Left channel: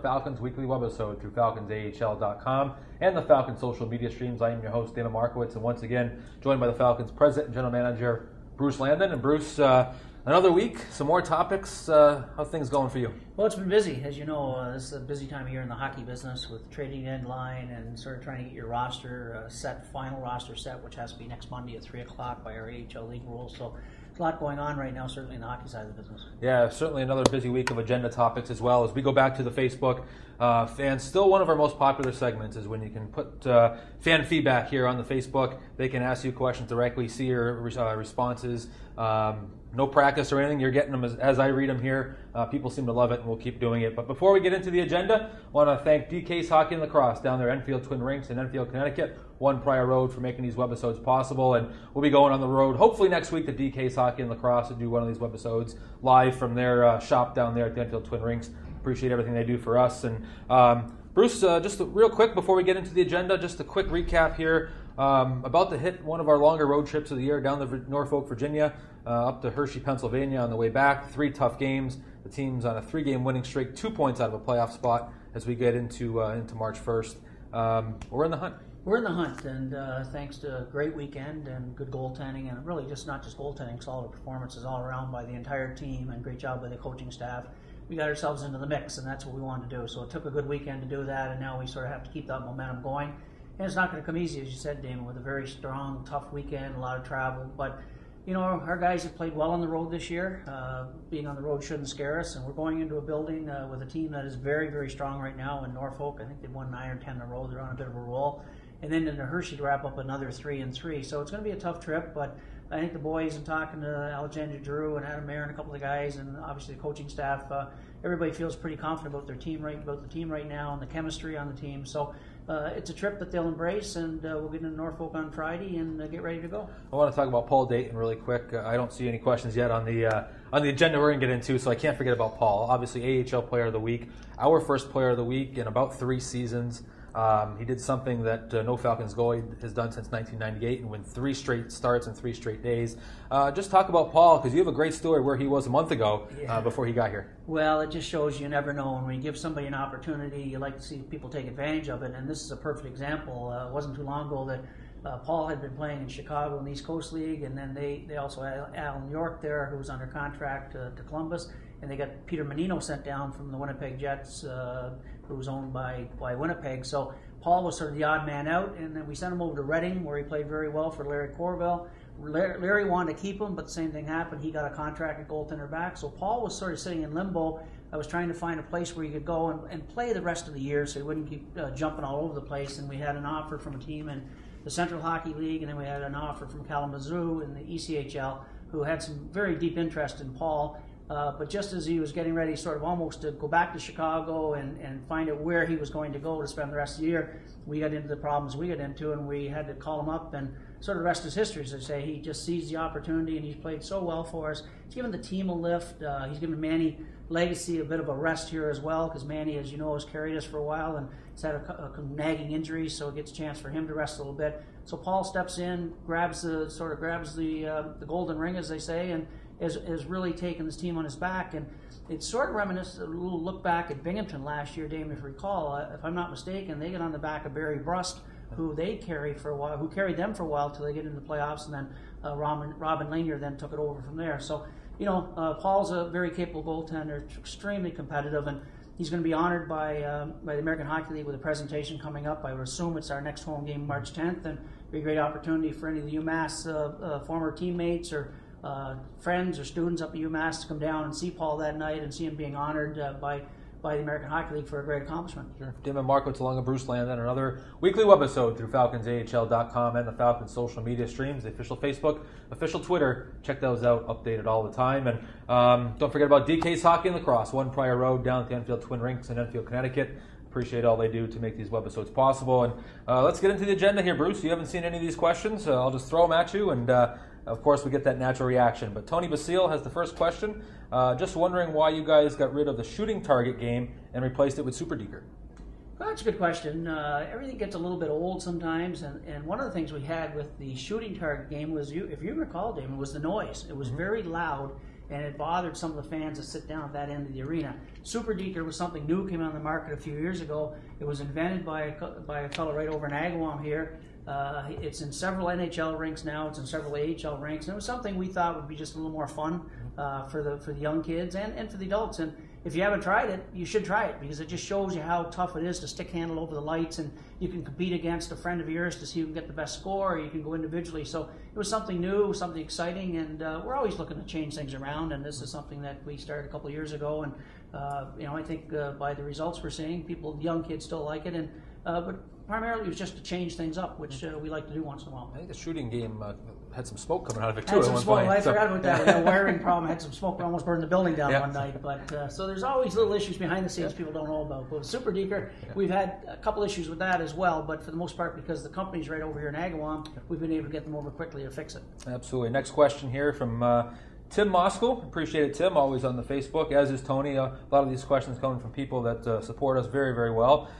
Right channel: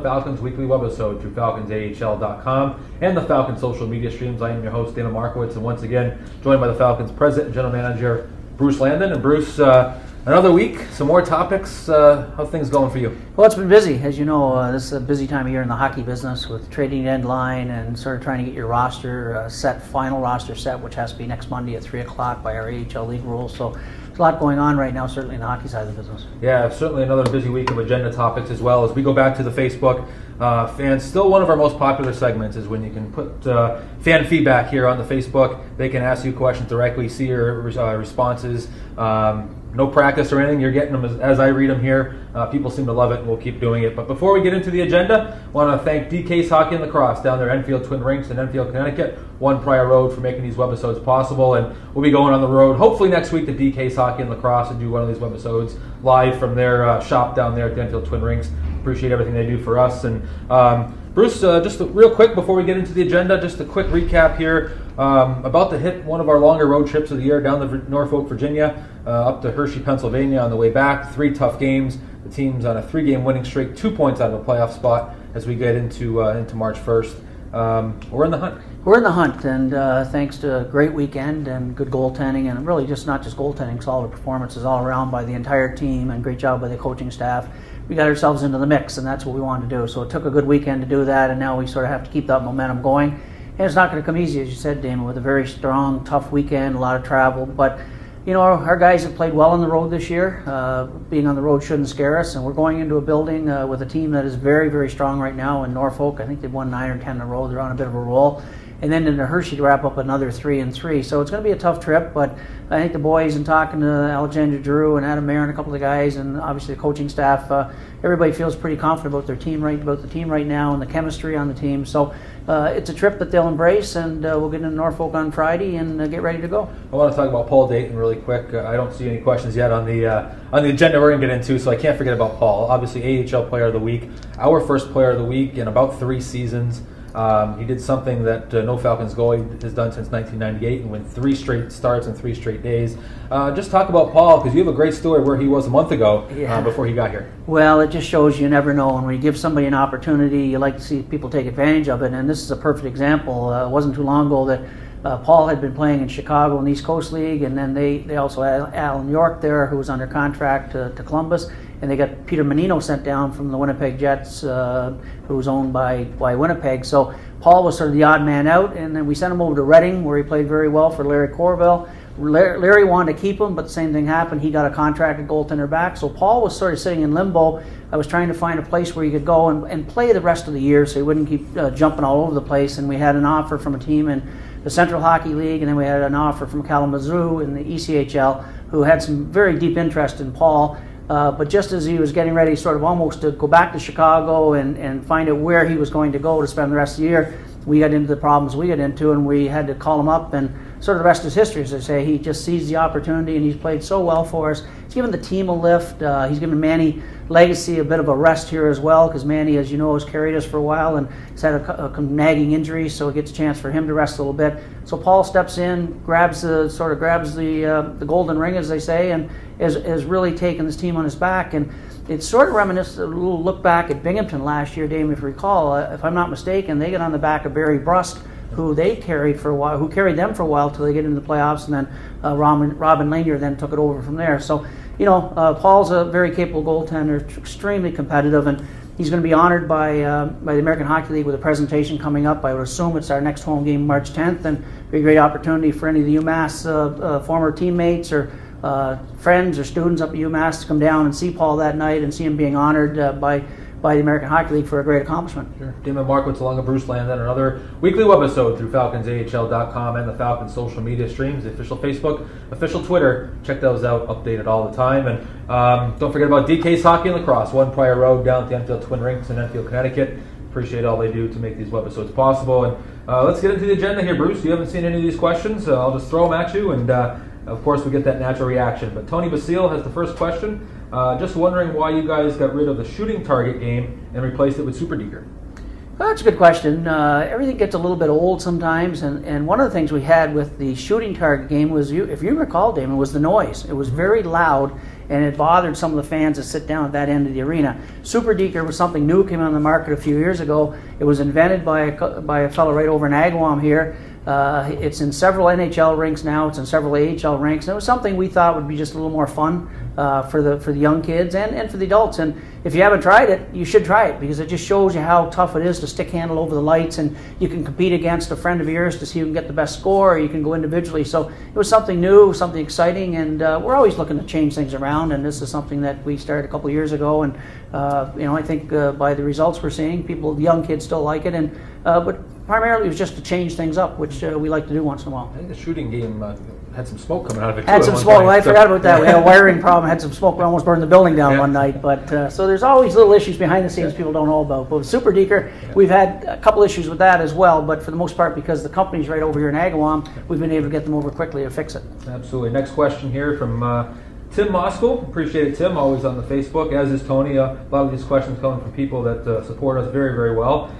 another Falcons Weekly Webisode through FalconsAHL.com and the Falcons social media streams. I am your host, Dana Markowitz, and once again joined by the Falcons President and General Manager, Bruce Landon. And Bruce, another week, some more topics. How's things going for you? Well, it's been busy. As you know, this is a busy time of year in the hockey business with trading deadline and sort of trying to get your roster set, final roster set, which has to be next Monday at 3 o'clock by our AHL league rules. So there's a lot going on right now, certainly in the hockey side of the business. Yeah, certainly another busy week of agenda topics as well. As we go back to the Facebook, fans, still one of our most popular segments is when you can put fan feedback here on the Facebook. They can ask you questions directly, see your responses. No practice or anything, you're getting them as I read them here. People seem to love it, and we'll keep doing it. But before we get into the agenda, I want to thank DK's Hockey and Lacrosse down there, Enfield Twin Rinks in Enfield, Connecticut, One Prior Road, for making these webisodes possible. And we'll be going on the road, hopefully next week, to DK's Hockey and Lacrosse and do one of these webisodes live from their shop down there at the Enfield Twin Rinks. Appreciate everything they do for us. And Bruce, just real quick before we get into the agenda, just a quick recap here. About to hit one of our longer road trips of the year down to Norfolk, Virginia, up to Hershey, Pennsylvania on the way back. 3 tough games. The team's on a 3-game winning streak, 2 points out of a playoff spot as we get into March 1st. We're in the hunt. We're in the hunt, and thanks to a great weekend and good goaltending, and really just not just goaltending, solid performances all around by the entire team, and great job by the coaching staff. We got ourselves into the mix, and that's what we wanted to do. So it took a good weekend to do that, and now we sort of have to keep that momentum going. And it's not going to come easy, as you said, Damon, with a very strong, tough weekend, a lot of travel. But, you know, our guys have played well on the road this year. Being on the road shouldn't scare us. And we're going into a building with a team that is very, very strong right now in Norfolk. I think they've won 9 or 10 in a row. They're on a bit of a roll. And then into Hershey to wrap up another 3-3. So it's going to be a tough trip, but I think the boys, and talking to Alexander Drew and Adam Mayer and a couple of the guys, and obviously the coaching staff, everybody feels pretty confident about the team right now and the chemistry on the team. So it's a trip that they'll embrace, and we'll get into Norfolk on Friday and get ready to go. I want to talk about Paul Dayton really quick. I don't see any questions yet on the agenda we're going to get into, so I can't forget about Paul. Obviously, AHL Player of the Week, our first Player of the Week in about 3 seasons. He did something that no Falcons goalie has done since 1998 and win 3 straight starts in 3 straight days. Just talk about Paul, because you have a great story where he was a month ago before he got here. Well, it just shows you never know. When we give somebody an opportunity, you like to see people take advantage of it, and this is a perfect example. It wasn't too long ago that Paul had been playing in Chicago in the East Coast League, and then they also had Alan York there, who was under contract to Columbus. And they got Peter Menino sent down from the Winnipeg Jets, who was owned by Winnipeg. So Paul was sort of the odd man out, and then we sent him over to Reading, where he played very well for Larry Corville. Larry wanted to keep him, but the same thing happened. He got a contracted goaltender back. So Paul was sort of sitting in limbo. I was trying to find a place where he could go and play the rest of the year so he wouldn't keep jumping all over the place. And we had an offer from a team in the Central Hockey League, and then we had an offer from Kalamazoo in the ECHL, who had some very deep interest in Paul. But just as he was getting ready sort of almost to go back to Chicago and find out where he was going to go to spend the rest of the year, we got into the problems we got into, and we had to call him up, and sort of the rest is history, as I say. He just seized the opportunity, and he's played so well for us. He's given the team a lift. He's given Manny Legacy a bit of a rest here as well, because Manny, as you know, has carried us for a while and has had a nagging injury, so it gets a chance for him to rest a little bit. So Paul steps in, grabs the golden ring, as they say, and has really taken this team on his back. And it's sort of reminiscent, a little look back at Binghamton last year, Dave, if you recall. If I'm not mistaken, they got on the back of Barry Brust, who they carried for a while, who carried them for a while till they get into the playoffs, and then Robin Lanier then took it over from there. So, you know, Paul's a very capable goaltender, extremely competitive, and he's going to be honored by the American Hockey League with a presentation coming up. I would assume it's our next home game, March 10th, and be a great opportunity for any of the UMass former teammates or friends or students up at UMass to come down and see Paul that night and see him being honored by the American Hockey League for a great accomplishment. Sure. Damon Markowitz along with Bruce Landon, another weekly webisode through FalconsAHL.com and the Falcons social media streams, the official Facebook, official Twitter. Check those out, updated all the time. And don't forget about DK's Hockey and Lacrosse, One Prior Road down at the Enfield Twin Rinks in Enfield, Connecticut. Appreciate all they do to make these webisodes possible. And let's get into the agenda here, Bruce. You haven't seen any of these questions, so I'll just throw them at you, and of course we get that natural reaction. But Tony Basile has the first question. Just wondering why you guys got rid of the shooting target game and replaced it with Super Deeger. Well, that's a good question. Everything gets a little bit old sometimes, and one of the things we had with the shooting target game was, if you recall, Damon, was the noise. It was very loud, and it bothered some of the fans that sit down at that end of the arena. Super Deker was something new, came on the market a few years ago. It was invented by a fellow right over in Agawam here. It's in several NHL rinks now. It's in several AHL rinks. And it was something we thought would be just a little more fun for the young kids and for the adults. And if you haven't tried it, you should try it, because it just shows you how tough it is to stick handle over the lights, and you can compete against a friend of yours to see who can get the best score, or you can go individually. So it was something new, something exciting, and we're always looking to change things around, and this is something that we started a couple of years ago, and I think by the results we're seeing, the young kids still like it, and but primarily it was just to change things up, which we like to do once in a while. I think the shooting game had some smoke coming out of it. Had some smoke. I forgot about that. We had a wiring problem. Had some smoke. We almost burned the building down one night. But so there's always little issues behind the scenes people don't know about. But with Super Deker, we've had a couple issues with that as well. But for the most part, because the company's right over here in Agawam, we've been able to get them over quickly to fix it. Absolutely. Next question here from Tim Moskal. Appreciate it, Tim. Always on the Facebook, as is Tony. A lot of these questions coming from people that support us very, very well.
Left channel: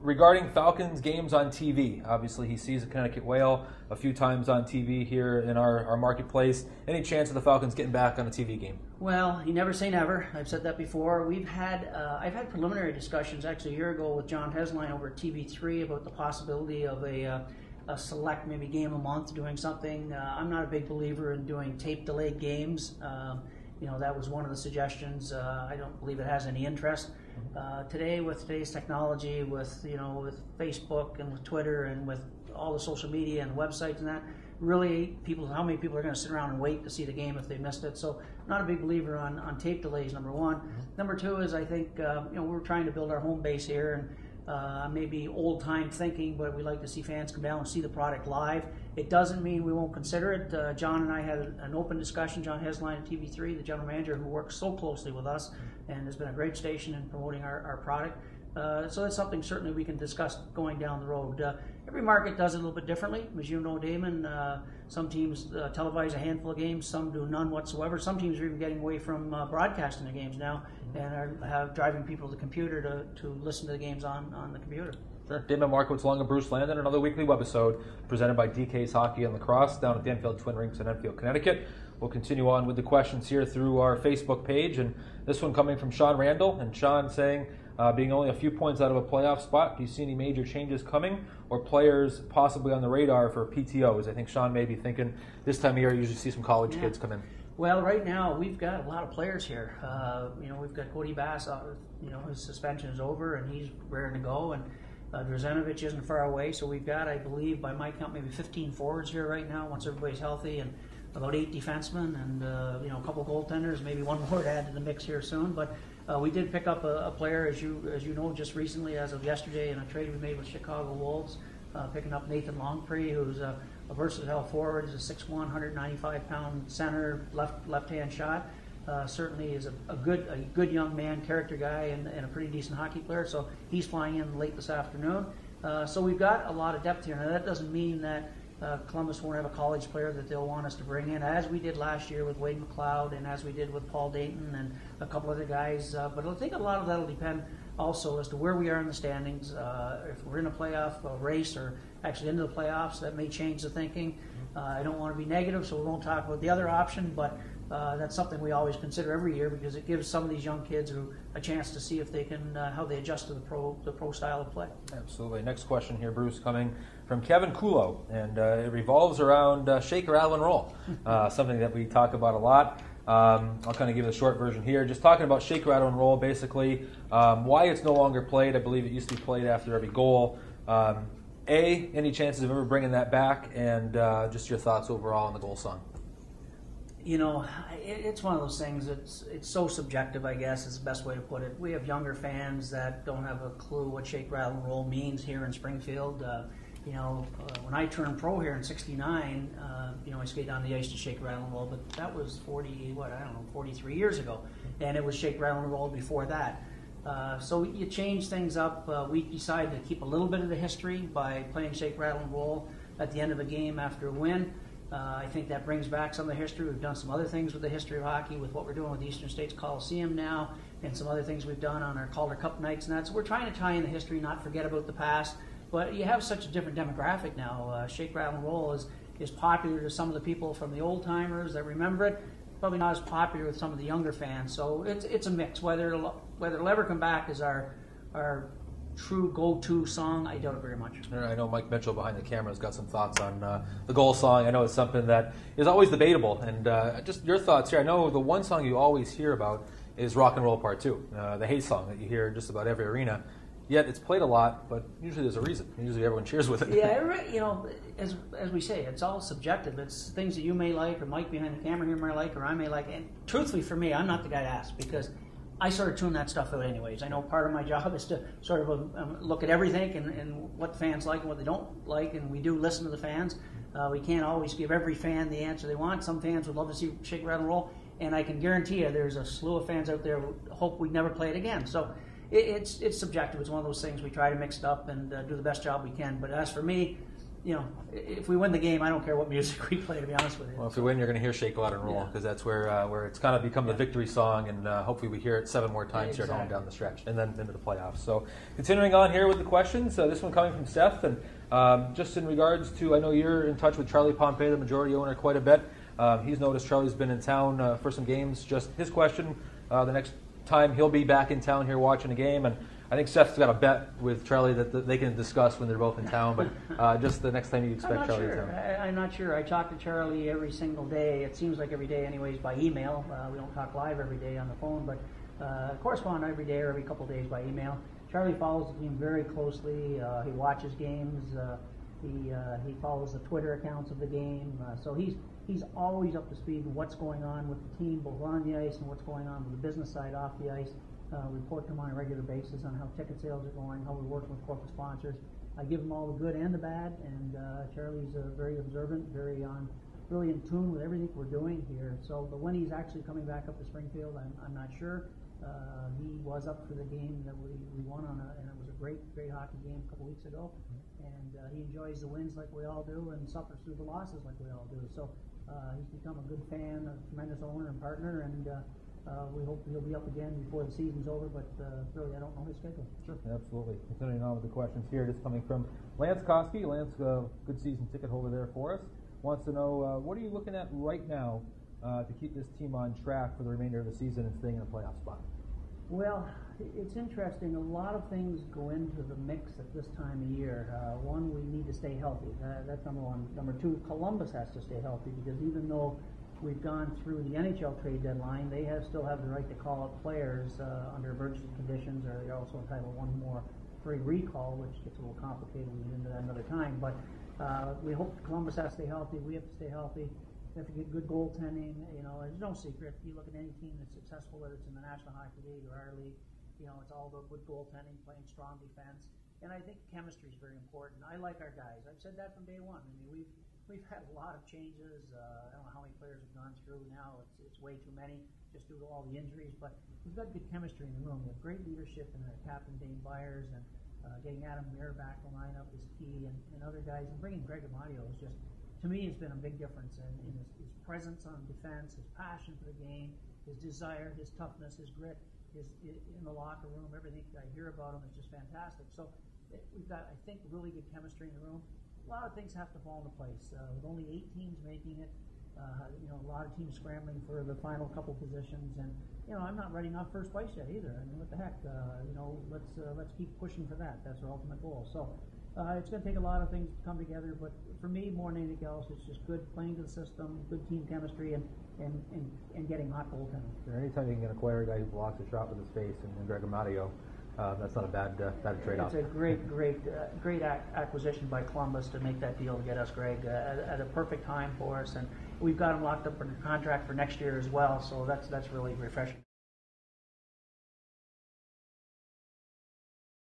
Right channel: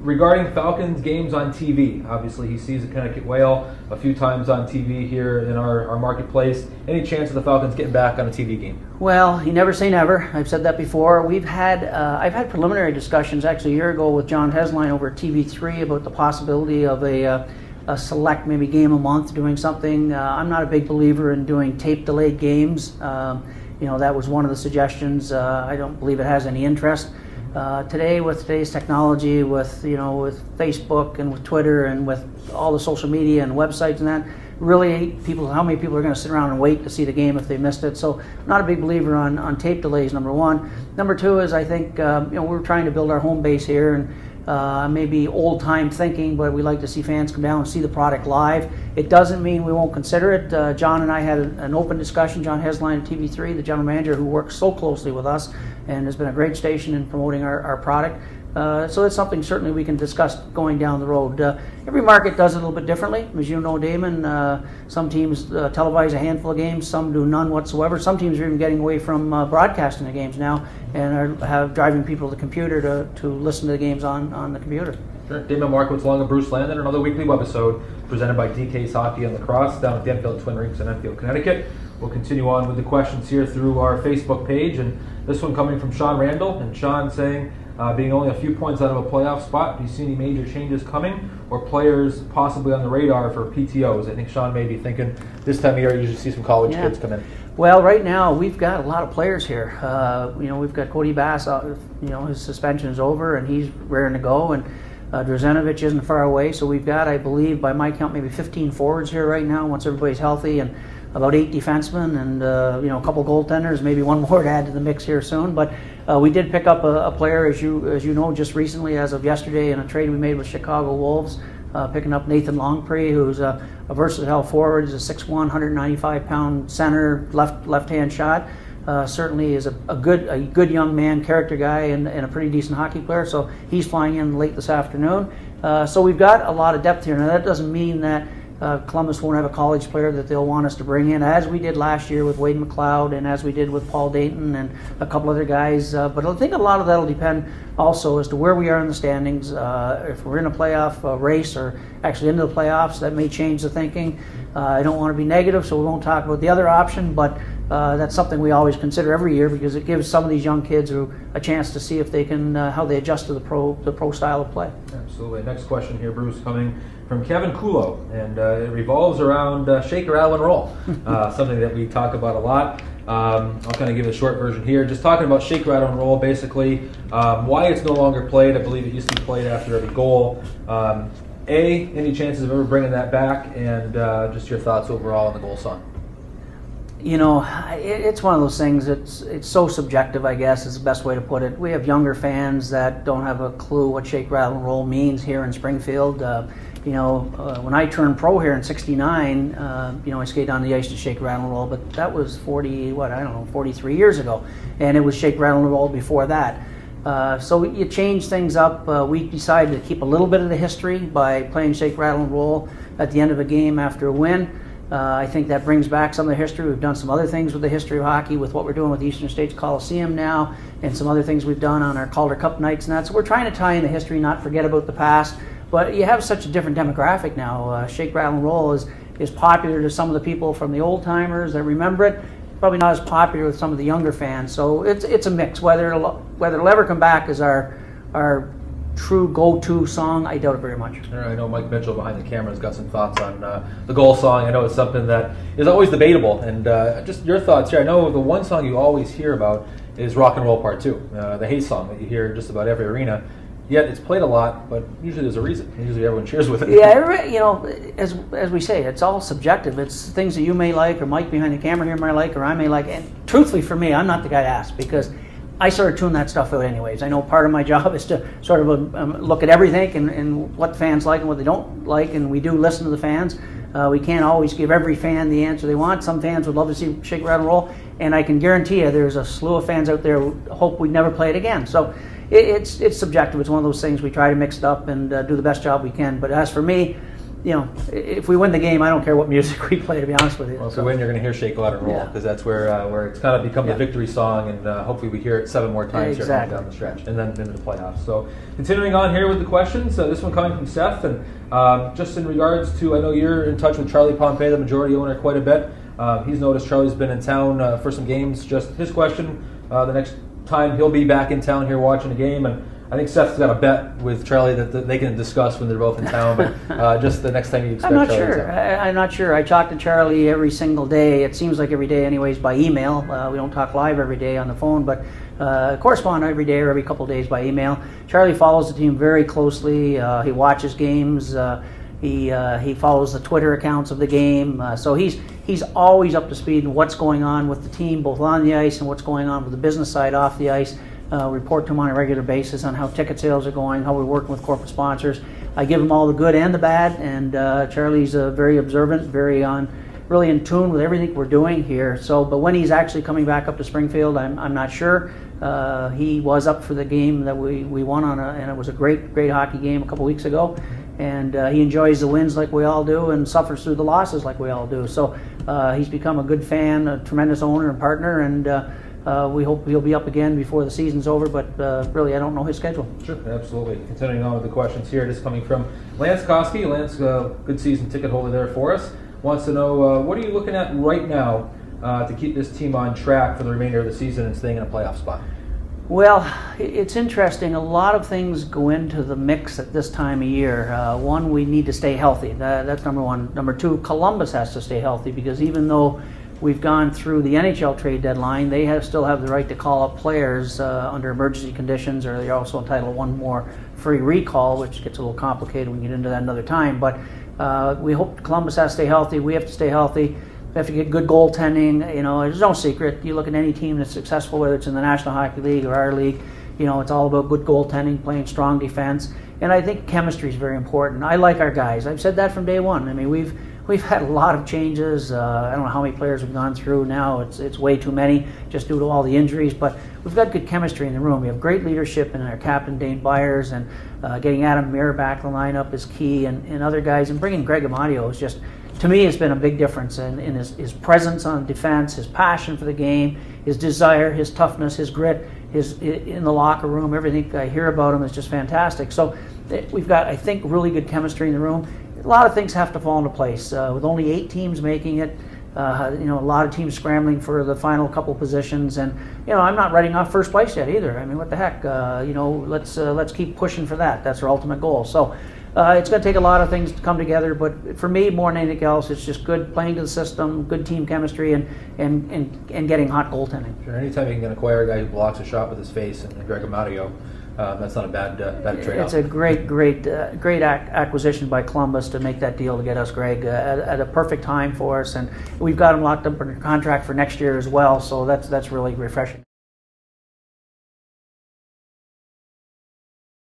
Regarding Falcons games on TV, obviously he sees the Connecticut Whale a few times on TV here in our marketplace. Any chance of the Falcons getting back on a TV game? Well, you never say never. I've said that before. I've had preliminary discussions actually a year ago with John Hesline over at TV3 about the possibility of a select maybe game a month doing something. I'm not a big believer in doing tape delayed games. That was one of the suggestions. I don't believe it has any interest. Today, with today's technology, with Facebook and with Twitter and with all the social media and websites and that, really, how many people are going to sit around and wait to see the game if they missed it? So, I'm not a big believer on tape delays. Number one. Number two is I think we're trying to build our home base here, and maybe old time thinking, but we like to see fans come down and see the product live. It doesn't mean we won't consider it. John and I had an open discussion. John Hesline at TV3, the general manager who works so closely with us and has been a great station in promoting our product. So that's something certainly we can discuss going down the road. Every market does it a little bit differently. As you know, Damon, some teams televise a handful of games, some do none whatsoever. Some teams are even getting away from broadcasting the games now and are driving people to the computer to listen to the games on the computer. Sure. Damon Markowitz along with Bruce Landon, another weekly webisode presented by DK's Hockey and Lacrosse down at the Enfield Twin Rinks in Enfield, Connecticut. We'll continue on with the questions here through our Facebook page, and this one coming from Sean Randall, and Sean saying, being only a few points out of a playoff spot, do you see any major changes coming or pplayers possibly on the radar for PTOs? I think Sean may be thinking this time of year you usually see some college kids come in. Well, right now we've got a lot of players here. We've got Cody Bass, his suspension is over and he's raring to go, and Drazenovich isn't far away, so we've got, I believe, by my count, maybe 15 forwards here right now once everybody's healthy, and about 8 defensemen and a couple goaltenders, maybe one more to add to the mix here soon. But we did pick up a player, as you know, just recently, as of yesterday, in a trade we made with Chicago Wolves, picking up Nathan Longpre, who's a versatile forward. He's a 6'1", 195-pound center, left-hand shot. Certainly is a good young man, character guy, and a pretty decent hockey player. So he's flying in late this afternoon. So we've got a lot of depth here. Now that doesn't mean that Columbus won't have a college player that they'll want us to bring in, as we did last year with Wade McLeod and as we did with Paul Dayton and a couple other guys. But I think a lot of that will depend also as to where we are in the standings. If we're in a playoff race or actually into the playoffs, that may change the thinking. I don't want to be negative, so we won't talk about the other option, but that's something we always consider every year because it gives some of these young kids a chance to see if they can how they adjust to the pro style of play. Absolutely. Next question here, Bruce, coming from Kevin Kulo, and it revolves around shake, rattle, and roll, something that we talk about a lot. I'll kind of give it a short version here. Just talking about shake, rattle, and roll, basically why it's no longer played. I believe it used to be played after every goal. Any chances of ever bringing that back, and just your thoughts overall on the goal song? It's one of those things. It's so subjective, I guess, is the best way to put it. We have younger fans that don't have a clue what shake, rattle, and roll means here in Springfield. When I turned pro here in '69, I skated on the ice to shake, rattle, and roll, but that was 43 years ago, and it was shake, rattle, and roll before that. So you change things up. We decided to keep a little bit of the history by playing shake, rattle, and roll at the end of a game after a win. I think that brings back some of the history. We've done some other things with the history of hockey with what we're doing with the Eastern States Coliseum now, and some other things we've done on our Calder Cup nights and that. So we're trying to tie in the history, not forget about the past. But you have such a different demographic now. Shake, rattle, and roll is popular to some of the people from the old timers that remember it. probably not as popular with some of the younger fans. So it's a mix. Whether it'll ever come back as our true go-to song, I doubt it very much. I know Mike Mitchell behind the camera has got some thoughts on the goal song. I know it's something that is always debatable, and just your thoughts here. I know the one song you always hear about is Rock and Roll Part 2, the hate song that you hear just about every arena. Yet it's played a lot, but usually there's a reason. Usually everyone cheers with it. Yeah, you know, as we say, it's all subjective. It's things that you may like, or Mike behind the camera here may like, or I may like. And truthfully, for me, I'm not the guy to ask, because I sort of tune that stuff out anyways. I know part of my job is to sort of look at everything and what fans like and what they don't like, and we do listen to the fans. We can't always give every fan the answer they want. Some fans would love to see Shake, Rattle, Roll, and I can guarantee you there's a slew of fans out there who hope we'd never play it again. So it's subjective. It's one of those things we try to mix it up and do the best job we can. But as for me, you know, if we win the game, I don't care what music we play, to be honest with you. Well, if we win, you're going to hear Shake, Rattle, Roll, because that's where it's kind of become the victory song, and hopefully we hear it 7 more times here down the stretch, and then into the playoffs. So continuing on here with the questions, this one coming from Seth, and just in regards to, I know you're in touch with Charlie Pompey, the majority owner, quite a bit. He's noticed Charlie's been in town for some games. Just his question, the next time he'll be back in town here watching a game, and I think Seth's got a bet with Charlie that they can discuss when they're both in town, but just the next time you expect Charlie in town. I'm not sure. I talk to Charlie every single day. It seems like every day anyways by email. We don't talk live every day on the phone, but correspond every day or every couple of days by email. Charlie follows the team very closely. He watches games. He follows the Twitter accounts of the game. So he's always up to speed on what's going on with the team, both on the ice and what's going on with the business side off the ice. Report to him on a regular basis on how ticket sales are going, how we're working with corporate sponsors. I give him all the good and the bad, and Charlie's very observant, really in tune with everything we're doing here. So, but when he's actually coming back up to Springfield, I'm not sure. He was up for the game that we won and it was a great hockey game a couple weeks ago. And he enjoys the wins like we all do, and suffers through the losses like we all do. So he's become a good fan, a tremendous owner and partner, and we hope he'll be up again before the season's over, but really I don't know his schedule. Sure, absolutely. Continuing on with the questions here, this coming from Lance Koski. Lance, good season ticket holder there for us, wants to know what are you looking at right now to keep this team on track for the remainder of the season and staying in a playoff spot? Well, it's interesting. A lot of things go into the mix at this time of year. One, we need to stay healthy. That's number one. Number two, Columbus has to stay healthy, because even though we've gone through the NHL trade deadline, they still have the right to call up players under emergency conditions, or they're also entitled to one more free recall, which gets a little complicated. We can get into that another time. But we hope Columbus has to stay healthy. We have to stay healthy. We have to get good goaltending. You know, there's no secret. You look at any team that's successful, whether it's in the National Hockey League or our league, you know, it's all about good goaltending, playing strong defense. And I think chemistry is very important. I like our guys. I've said that from day one. I mean, we've had a lot of changes. I don't know how many players we've gone through now. It's way too many just due to all the injuries. But we've got good chemistry in the room. We have great leadership in our captain, Dane Byers, and getting Adam Muir back in the lineup is key, and other guys. And bringing Greg Amadio is just, to me, has been a big difference in his presence on defense, his passion for the game, his desire, his toughness, his grit, his in the locker room. Everything I hear about him is just fantastic. So we've got, I think, really good chemistry in the room. A lot of things have to fall into place. With only 8 teams making it, you know, a lot of teams scrambling for the final couple positions, and you know, I'm not writing off first place yet either. I mean, what the heck? You know, let's keep pushing for that. That's our ultimate goal. So it's going to take a lot of things to come together, but for me, more than anything else, it's just good playing to the system, good team chemistry, and getting hot goaltending. Sure. Anytime you can acquire a guy who blocks a shot with his face, and Greg Amadio, that's not a bad trade-off. It's a great acquisition by Columbus to make that deal to get us Greg at a perfect time for us, and we've got him locked up under contract for next year as well. So that's really refreshing.